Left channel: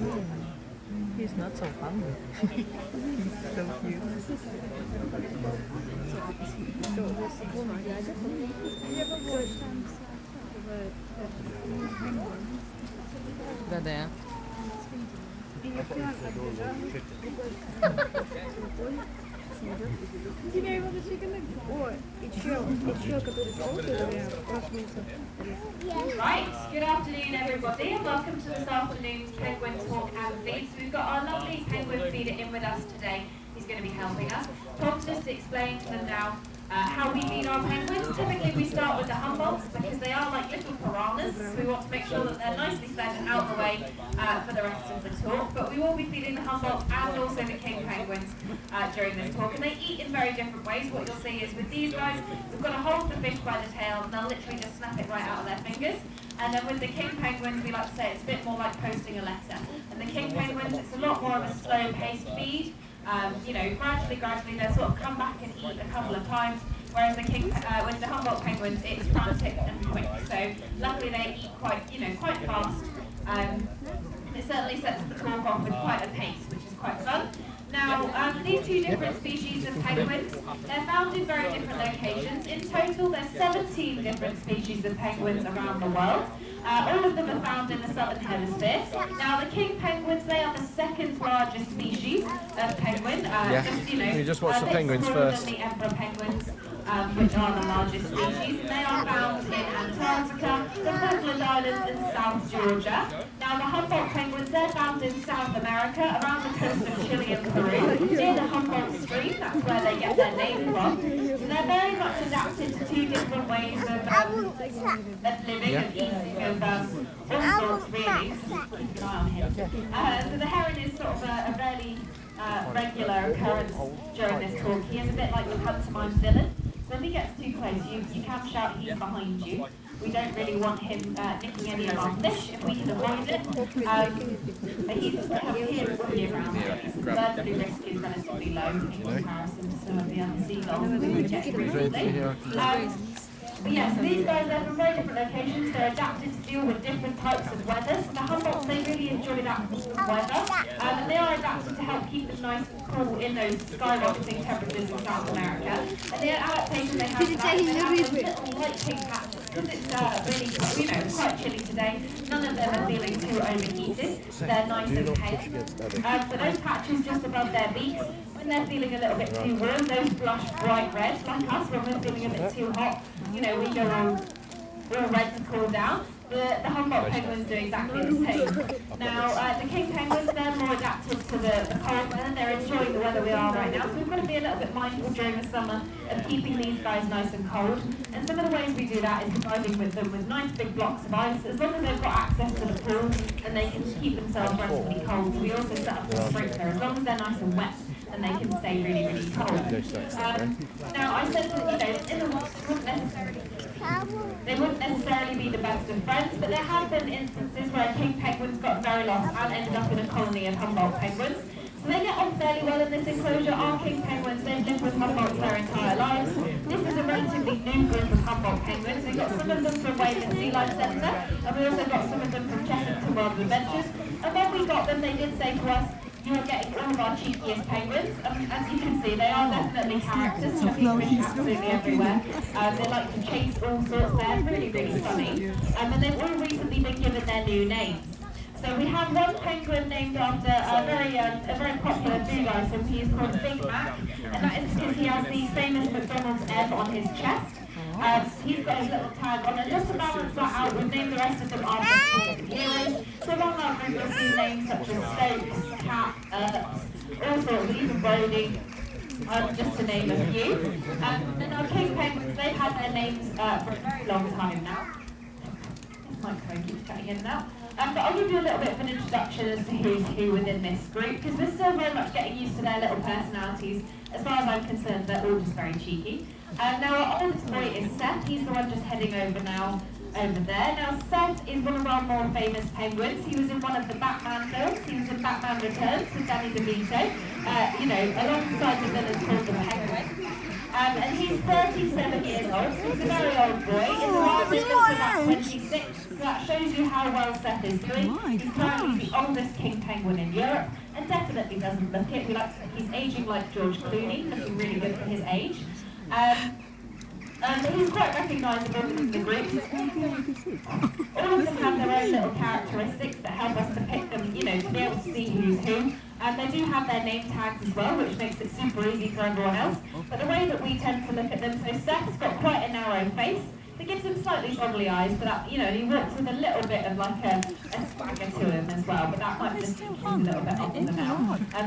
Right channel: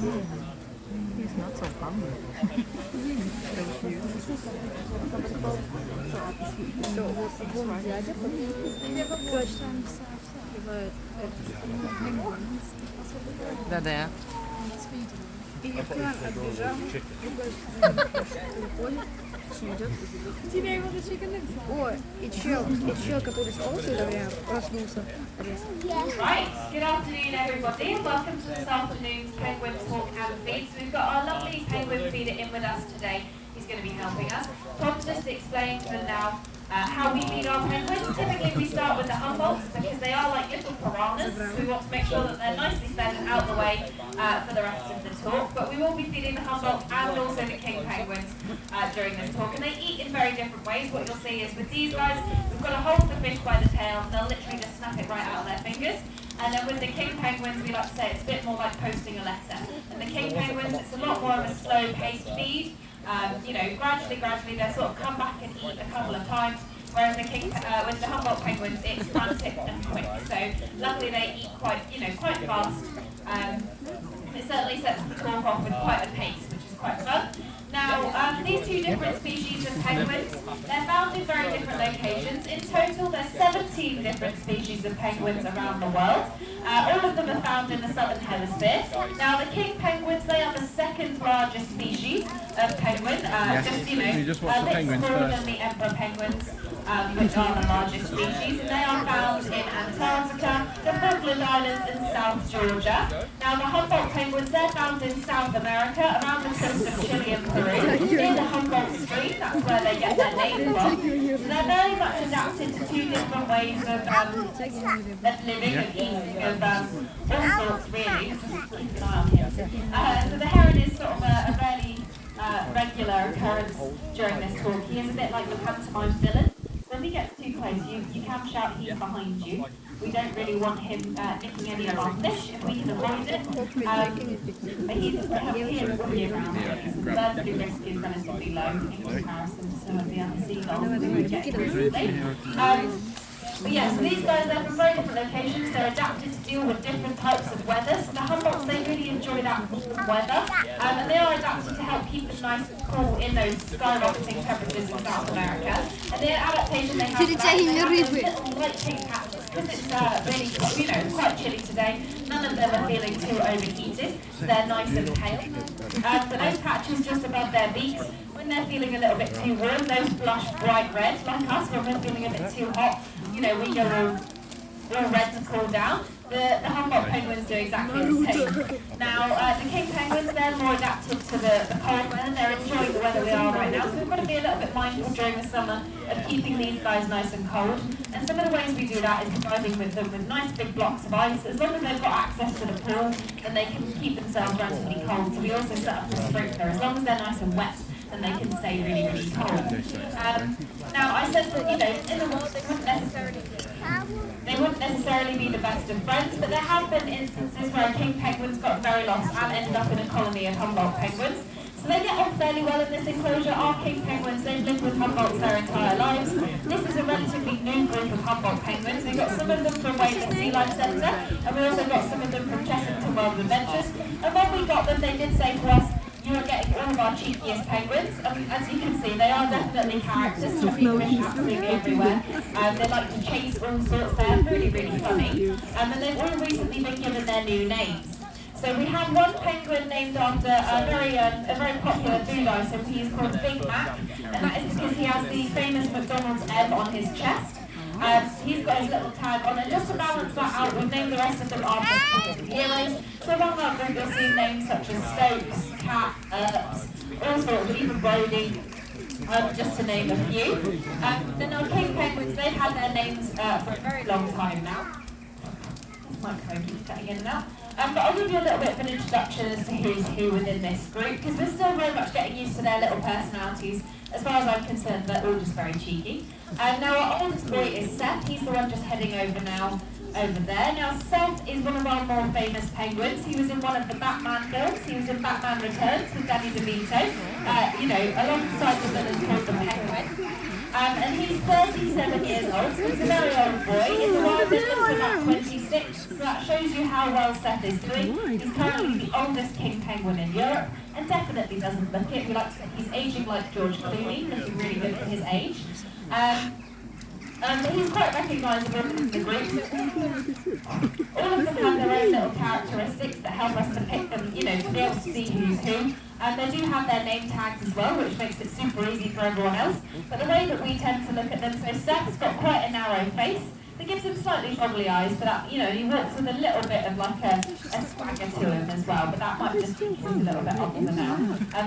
He's not so hungry. So cute. Да-да. Тебя его зачекали? О, и чел, который спался, наверное, проснулся. Right, good afternoon everybody and welcome to this afternoon's Penguin Talk and Feed. So we've got our lovely penguin feeder in with us today. He's going to be helping us. Tom's just explaining to them now how we feed our penguins. Typically we start with the Humboldts because they are like little piranhas, so we want to make sure that they're nicely fed and out of the way for the rest of the talk. But we will be feeding the Humboldts and also the king penguins during this talk, and they eat in very different ways. What you'll see is with these guys, we've got to hold the fish by the tail and they'll literally just snap it right out of their fingers. And then with the king penguins, we like to say it's a bit more like posting a letter. And the king penguins, it's a lot more of a slow-paced feed. You know, gradually they'll sort of come back and eat a couple of times, whereas with the Humboldt penguins, it's frantic and quick. So luckily they eat quite fast. It certainly sets the talk off with quite a pace, which is quite fun. Now, these two different species of penguins, they're found in very different locations. In total, there's 17 different species of penguins around the world. All of them are found in the southern hemisphere. Now, the king penguins, they are the second largest species of penguin. Just watch the penguins smaller first. than the emperor penguins, which are the largest species. And they are found in Antarctica, the Falkland Islands, and South Georgia. Now, the Humboldt penguins, they're found in South America, around the coast of Chile and Peru, near the Humboldt Stream. That's where they get their name from. So they're very much adapted to two different ways of living and eating, of all sorts, really. Just keep an eye on him. So the heron is sort of a fairly regular occurrence during this talk. He is a bit like your pantomime villain. So if he gets too close, you can shout he's behind you. We don't really want him nicking any of our fish if we can avoid it. But he's all year round. The bird flu risk is relatively low in comparison to some of the other seagulls we would get recently. But yeah, so these guys are from very different locations. They're adapted to deal with different types of weather. So the Humboldts, they really enjoy that warm weather. And they are adapted to help keep it nice and cool in those skyrocketing temperatures in South America. And the adaptation they have for that is they have those little light pink patches. Because it's really quite chilly today, none of them are feeling too overheated. They're nice and pale. But those patches just above their beaks, when they're feeling a little bit too warm, those blush bright red, like us, when we're feeling a bit too hot, we go all red to cool down. The Humboldt penguins do exactly the same. Now, the king penguins, they're more adapted to the cold weather. They're enjoying the weather we are right now, so we've got to be a little bit mindful during the summer of keeping these guys nice and cold. And some of the ways we do that is providing them with nice big blocks of ice. As long as they've got access to the pool, then they can keep themselves relatively cold. So we also set up a sprinkler. As long as they're nice and wet, then they can stay really, really cold. Now, I said that, in the water they wouldn't necessarily be the best of friends, but there have been instances where a king penguin's got very lost and ended up in a colony of Humboldt penguins. So they get on fairly well in this enclosure. Our king penguins, they've lived with Humboldts their entire lives. This is a relatively new group of Humboldt penguins. We've got some of them from Wayland Sea Life Centre, and we also got some of them from Chessington World of Adventures. And when we got them, they did say to us, you are getting all of our cheekiest penguins. As you can see, they are definitely characters, having fish absolutely everywhere. They like to chase all sorts. They're really, really funny. And they've all recently been given their new names. So we have one penguin named after a very popular food item. He is called Big Mac, and that is because he has the famous McDonald's M on his chest. He's got his little tag on, and just to balance that out, we've named the rest of them after heroes. So among our group, you'll see names such as Stokes, Cat, all sorts, even Brody, just to name a few. Then our king penguins, they've had their names for a very long time now. This microphone keeps cutting in and out. But I'll give you a little bit of an introduction as to who's who within this group, because we're still very much getting used to their little personalities. As far as I'm concerned, they're all just very cheeky. Now our oldest boy is Seth. He's the one just heading over there. Now Seth is one of our more famous penguins. He was in one of the Batman films. He was in Batman Returns with Danny DeVito. Alongside the villain called the Penguin. And he's 37 years old, so he's a very old boy. In the wild, they're to about 26, so that shows you how well Seth is doing. He's currently the oldest king penguin in Europe, and definitely doesn't look it. We like to think he's aging like George Clooney, looking really good for his age. But he's quite recognisable within the group. All of them have their own little characteristics that help us to pick them, you know, to be able to see who's who. And they do have their name tags as well, which makes it super easy for everyone else. But the way that we tend to look at them, so Seth's got quite a narrow face. That gives him slightly goggly eyes, but that, you know, he walks with a little bit of like a swagger to him as well, but that might just be he's a little bit older now.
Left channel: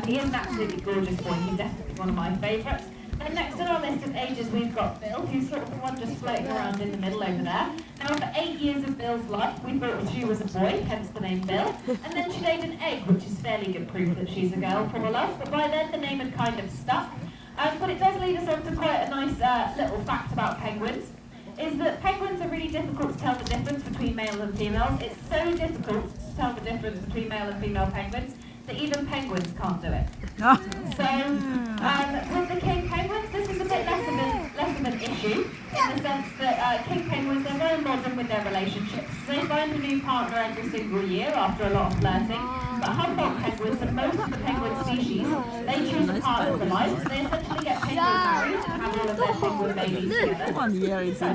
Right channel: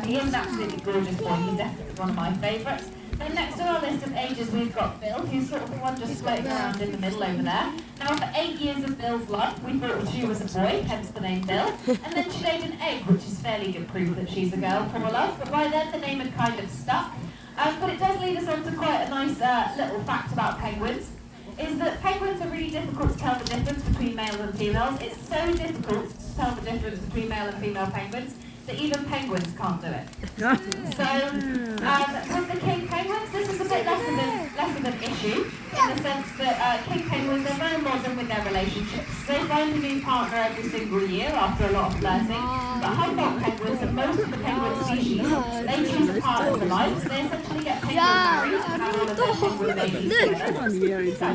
He is an absolutely gorgeous boy. He's definitely one of my favourites. And next on our list of ages, we've got Bill, who's sort of the one just floating around in the middle over there. Now, for 8 years of Bill's life, we thought she was a boy, hence the name Bill. And then she laid an egg, which is fairly good proof that she's a girl, poor love. But by then, the name had kind of stuck. But it does lead us on to quite a nice little fact about penguins, is that penguins are really difficult to tell the difference between males and females. It's so difficult to tell the difference between male and female penguins that even penguins can't do it. So, with the king penguins, this is a bit less of an issue, in the sense that king penguins are very modern with their relationships. They find a new partner every single year after a lot of flirting. But Humboldt penguins and most of the penguin species, they choose a partner for life. So they essentially get penguin married and have all of their penguin babies together. So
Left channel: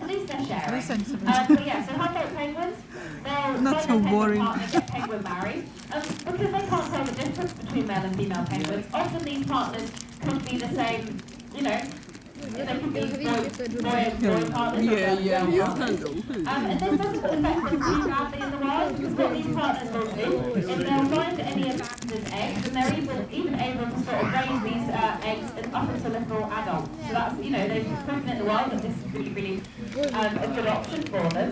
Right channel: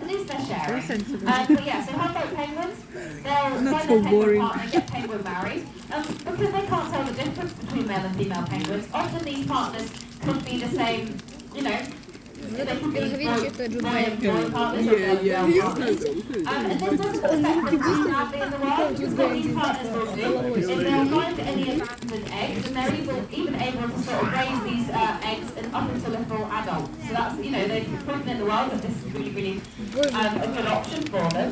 at least they're sharing. But yeah, so Humboldt penguins, they'll find their penguin partner, get penguin married. Because they can't tell the difference between male and female penguins, often these partners could be the same, you know, they could be boy and boy partners or girl and girl partners. And this doesn't affect them too badly in the wild, because what these partners will do is they'll find any abandoned eggs, and they're even able to sort of raise these eggs up until a full adult. So that's, you know, they've proven in the wild that this is really a good option for them.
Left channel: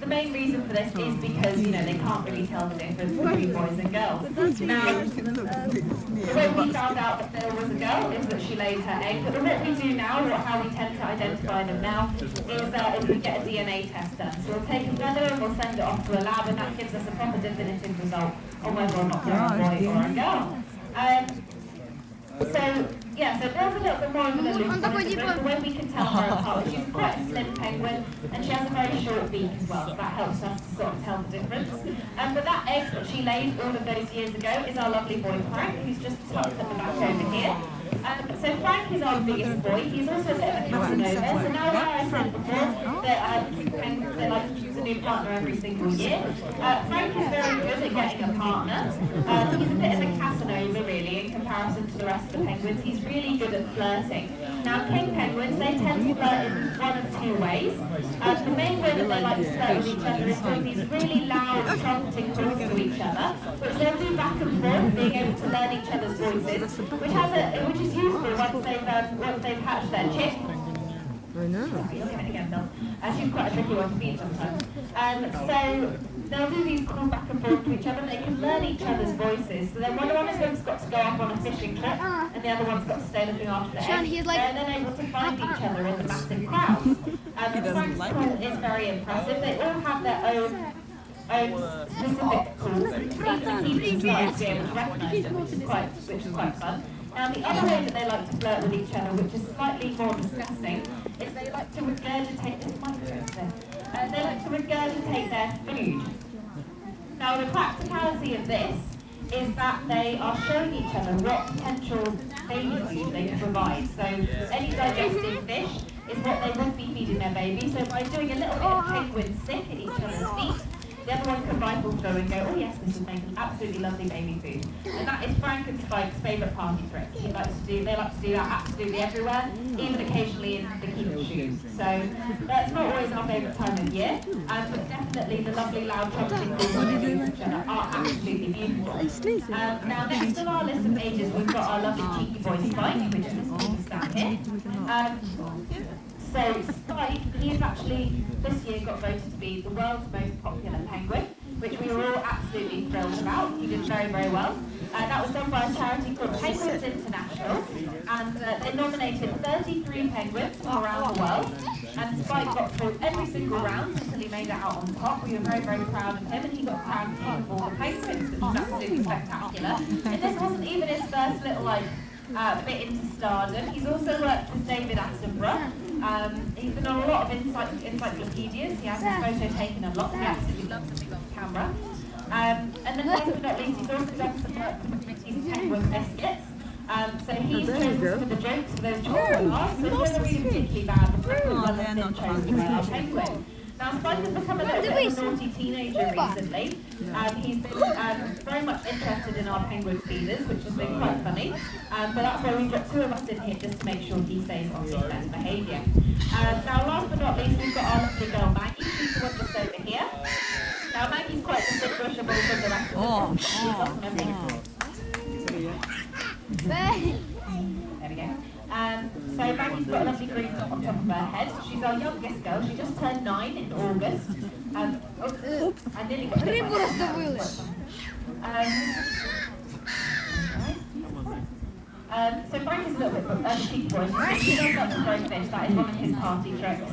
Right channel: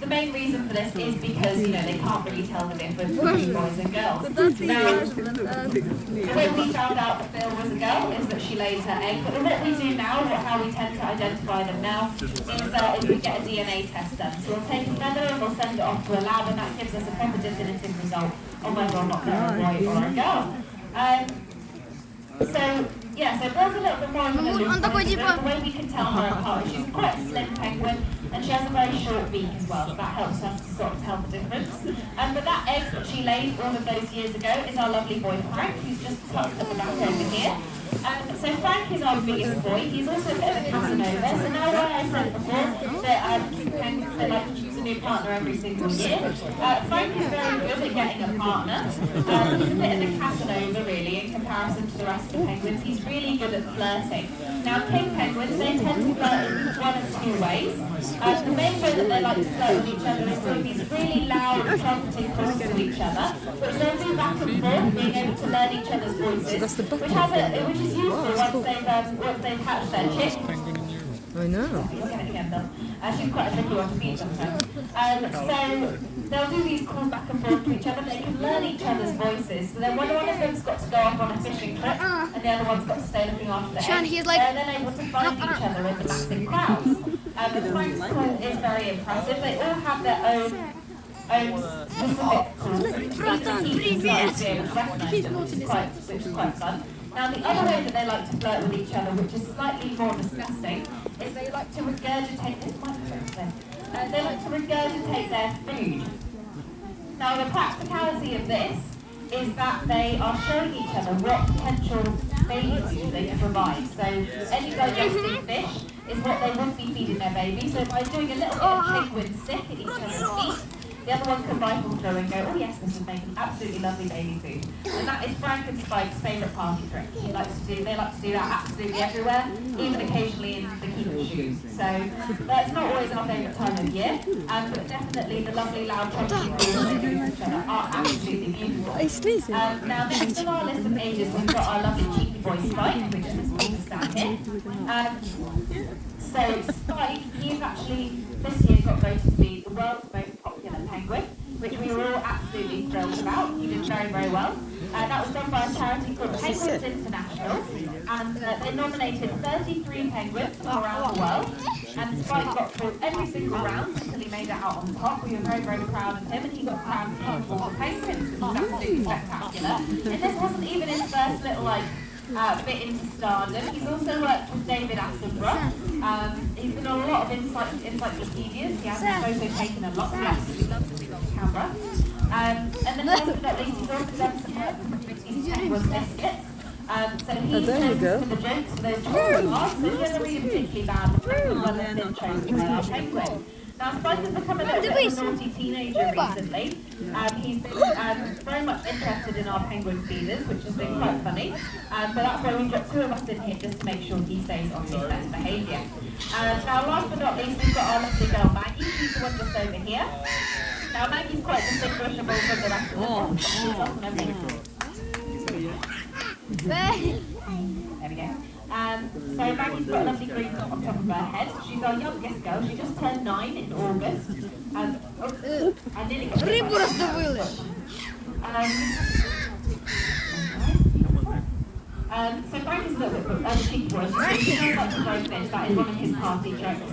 The main reason for this is because, you know, they can't really tell the difference between boys and girls. Now, the way we found out that Bill was a girl is that she lays her egg, but what we do now, how we tend to identify them now, is we get a DNA test done. So we'll take a feather and we'll send it off to a lab, and that gives us a proper definitive result on whether or not they're a boy or a girl. So Bill's a little bit more of an elusive, but the way we can tell her apart is she's quite a slim penguin, and she has a very short beak as well, so that helps us to sort of tell the difference. But that egg that she laid all of those years ago is our lovely boy Frank, who's just tucked at the back over here. So Frank is our biggest boy. He's also a bit of a Casanova. So now where I said before that penguins, they like to choose a new partner every single year, Frank is very good at getting a partner. He's a bit of a Casanova really in comparison to the rest of the penguins. He's really good at flirting. Now king penguins, they tend to flirt in one of two ways. The main way that they like to flirt with each other is doing these really loud trumpeting calls to each other, which they'll do back and forth, being able to learn each other's voices, which is useful once they've hatched their chick. I know. You'll get it again, Bill. She's quite a tricky one to feed sometimes. So they'll do these calls back and forth to each other. They can learn each other's voices. So then one of them's got to go off on a fishing trip, and the other one's got to stay looking after the eggs. They're then able to find each other in the massive crowds. The Frank's call is very impressive. They all have their own specific calls, which each started to be able to recognise them, which is quite fun. Now the other way that they like to flirt with each other, which is slightly more disgusting, is they like to regurgitate they like to regurgitate their food. Now the practicality of this is that they are showing each other what potential baby food they can provide. So any digesting fish is what they would be feeding their baby. So by doing a little bit of penguin sick at each other's feet, the other one can rifle through and go, oh yes, this would make an absolutely lovely baby food. And that is Frank and Spike's favourite party trick. They like to do that absolutely everywhere, even occasionally in bikini shoes. So that's not always our favourite time of year, but definitely the lovely loud trumpeting calls they do to each other are absolutely beautiful. Now next on our list of ages, we've got our lovely cheeky boy Spike, which is this stand here. So Spike, he is actually this year got voted to be the world's most popular penguin, which we were all absolutely thrilled about. He did very, very well. That was done by a charity called Penguins International, and they nominated 33 penguins from around the world, and Spike got through every single round until he made it out on top. We were very, very proud of him, and he got crowned king of all the penguins, which was absolutely spectacular. And this wasn't even his first little bit into stardom. He's also worked with David Attenborough. He's been on a lot of encyclopedias. He has his photo taken a lot. He absolutely loves a strong camera. And then last but not least, he's also done some work with these penguin biscuits. So he's chosen for the jokes for those chocolate bars, so he doesn't really particularly bad the fact that well has been chosen by our penguin. Now, Spike has become a little bit of a naughty teenager recently. He's been very much interested in our penguin feeders, which has been quite funny. But that's why we've got two of us in here just to make sure he stays on his best behaviour. Now, last but not least, we've got our lovely girl Maggie. She's the one just over here. Now, Maggie's quite distinguishable from the rest of the group. She's awesome, I think. There we go. So Maggie's got a lovely green dot on top of her head. She's our youngest girl. She just turned 9 in August. I nearly got it. So Frank is a little bit cheeky boy. He does like to throw fish. That is one of his party tricks.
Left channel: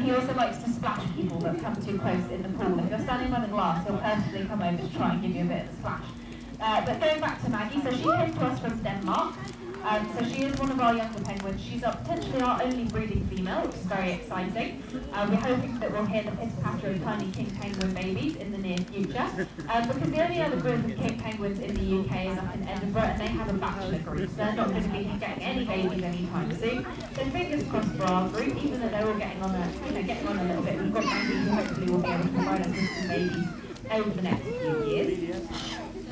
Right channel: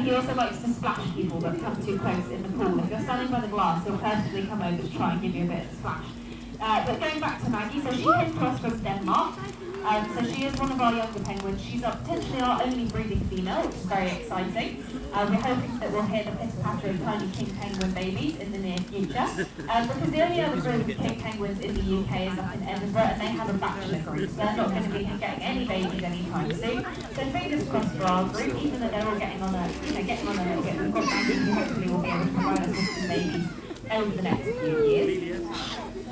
He also likes to splash people that come too close in the pool. If you're standing by the glass, he'll purposely come over to try and give you a bit of a splash. But going back to Maggie, so she came to us from Denmark. So she is one of our younger penguins. She's potentially our only breeding female, which is very exciting. We're hoping that we'll hear the pitter-patter of tiny king penguin babies in the near future. Because the only other group of king penguins in the UK is up in Edinburgh, and they have a bachelor group, so they're not going to be getting any babies anytime soon. So fingers crossed for our group, even though they're all getting on a little bit. We've got Maggie who hopefully will be able to provide us with some babies over the next few years.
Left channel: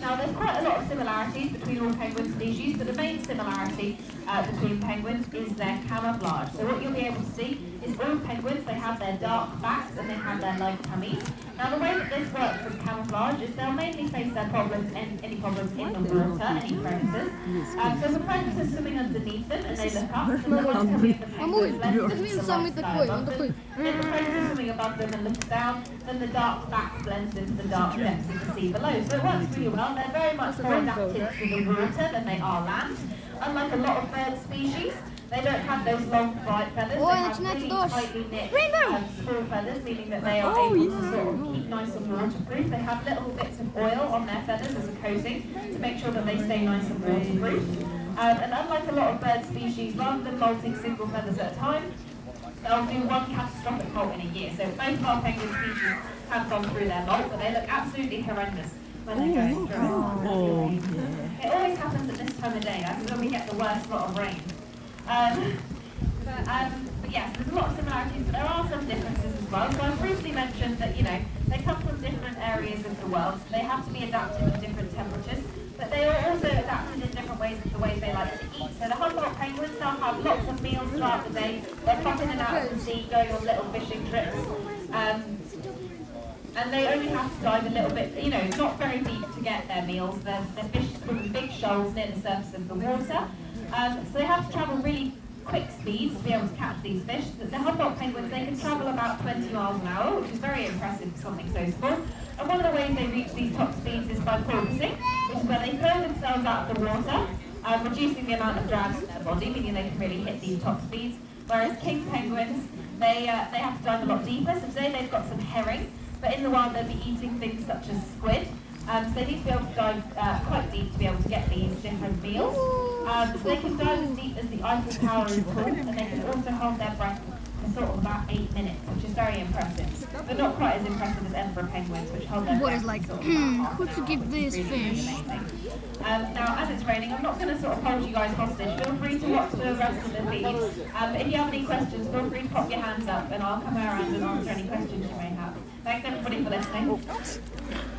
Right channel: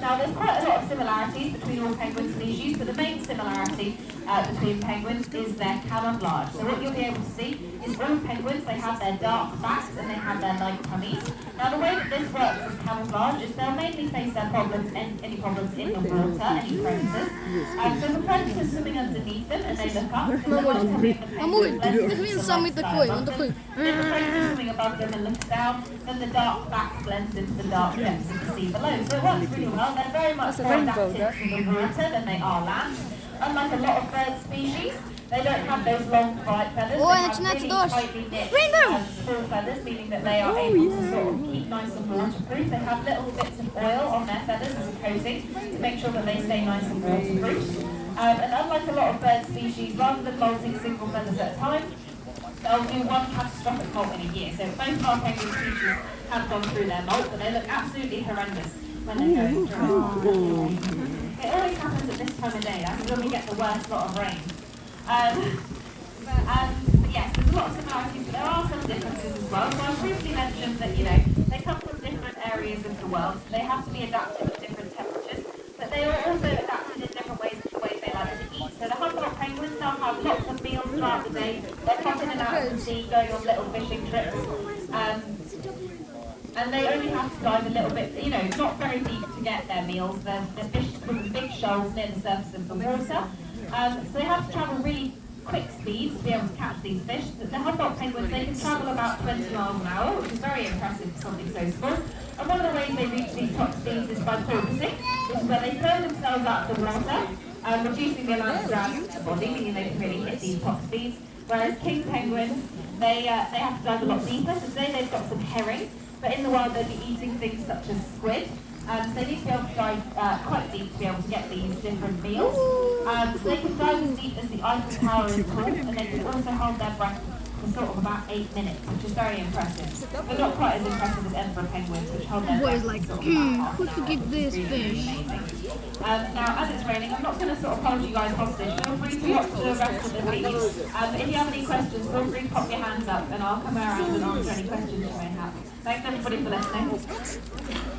Now, there's quite a lot of similarities between all penguin species, but the main similarity between penguins is their camouflage. So what you'll be able to see is all penguins, they have their dark backs and they have their light tummies. Now, the way that this works with camouflage is they'll mainly face their problems, any problems in the water, any predators. So the predators swimming underneath them and they look up, and the light tummy of the penguin blends into the lifestyle of them. If the predator swimming above them and looks down, then the dark back blends into the dark depths of the sea below. So it works really well. They're very much more adapted to the water than they are land. Unlike a lot of bird species, they don't have those long bright feathers. They have really tightly knit small feathers, meaning that they are able to sort of keep nice and waterproof. They have little bits of oil on their feathers as a coating to make sure that they stay nice and waterproof. And unlike a lot of bird species, rather than molting single feathers at a time, they'll do one catastrophic molt in a year. So most of our penguin species have gone through their molt, but they look absolutely horrendous when they go through it. It always happens at this time of day. That's when we get the worst lot of rain. But yes, there's a lot of similarities, but there are some differences as well. So I briefly mentioned that, they come from different areas of the world, so they have to be adapted to different temperatures, but they are also adapted in different ways to the ways they like to eat. So the Humboldt penguins, they'll have lots of meals throughout the day. They're popping in and out of the sea, going on little fishing trips. And they only have to dive a little bit, it's not very deep to get their meals. They're fish from big shoals near the surface of the water. So they have to travel really quick speeds to be able to catch these fish. The Humboldt penguins, they can travel about 20 miles an hour, which is very impressive for something so small. And one of the ways they reach these top speeds is by porpoising, which is where they throw themselves out of the water, reducing the amount of drag in their body, meaning they can really hit these top speeds. Whereas king penguins, they have to dive a lot deeper. So today they've got some herring, but in the wild they'll be eating things such as squid. So they need to be able to dive quite deep to be able to get these different meals. So they can dive as deep as the Eiffel Tower is tall, and they can also hold their breath for sort of about 8 minutes, which is very impressive. But not quite as impressive as Edinburgh penguins, which hold their breath for sort of about half an hour. give this fish? Now, as it's raining, I'm not going to sort of hold you guys hostage. Feel free to watch the rest of the video. If you have any questions, feel free to pop your hands up, and I'll come around and answer any questions you may have. Thanks everybody for listening.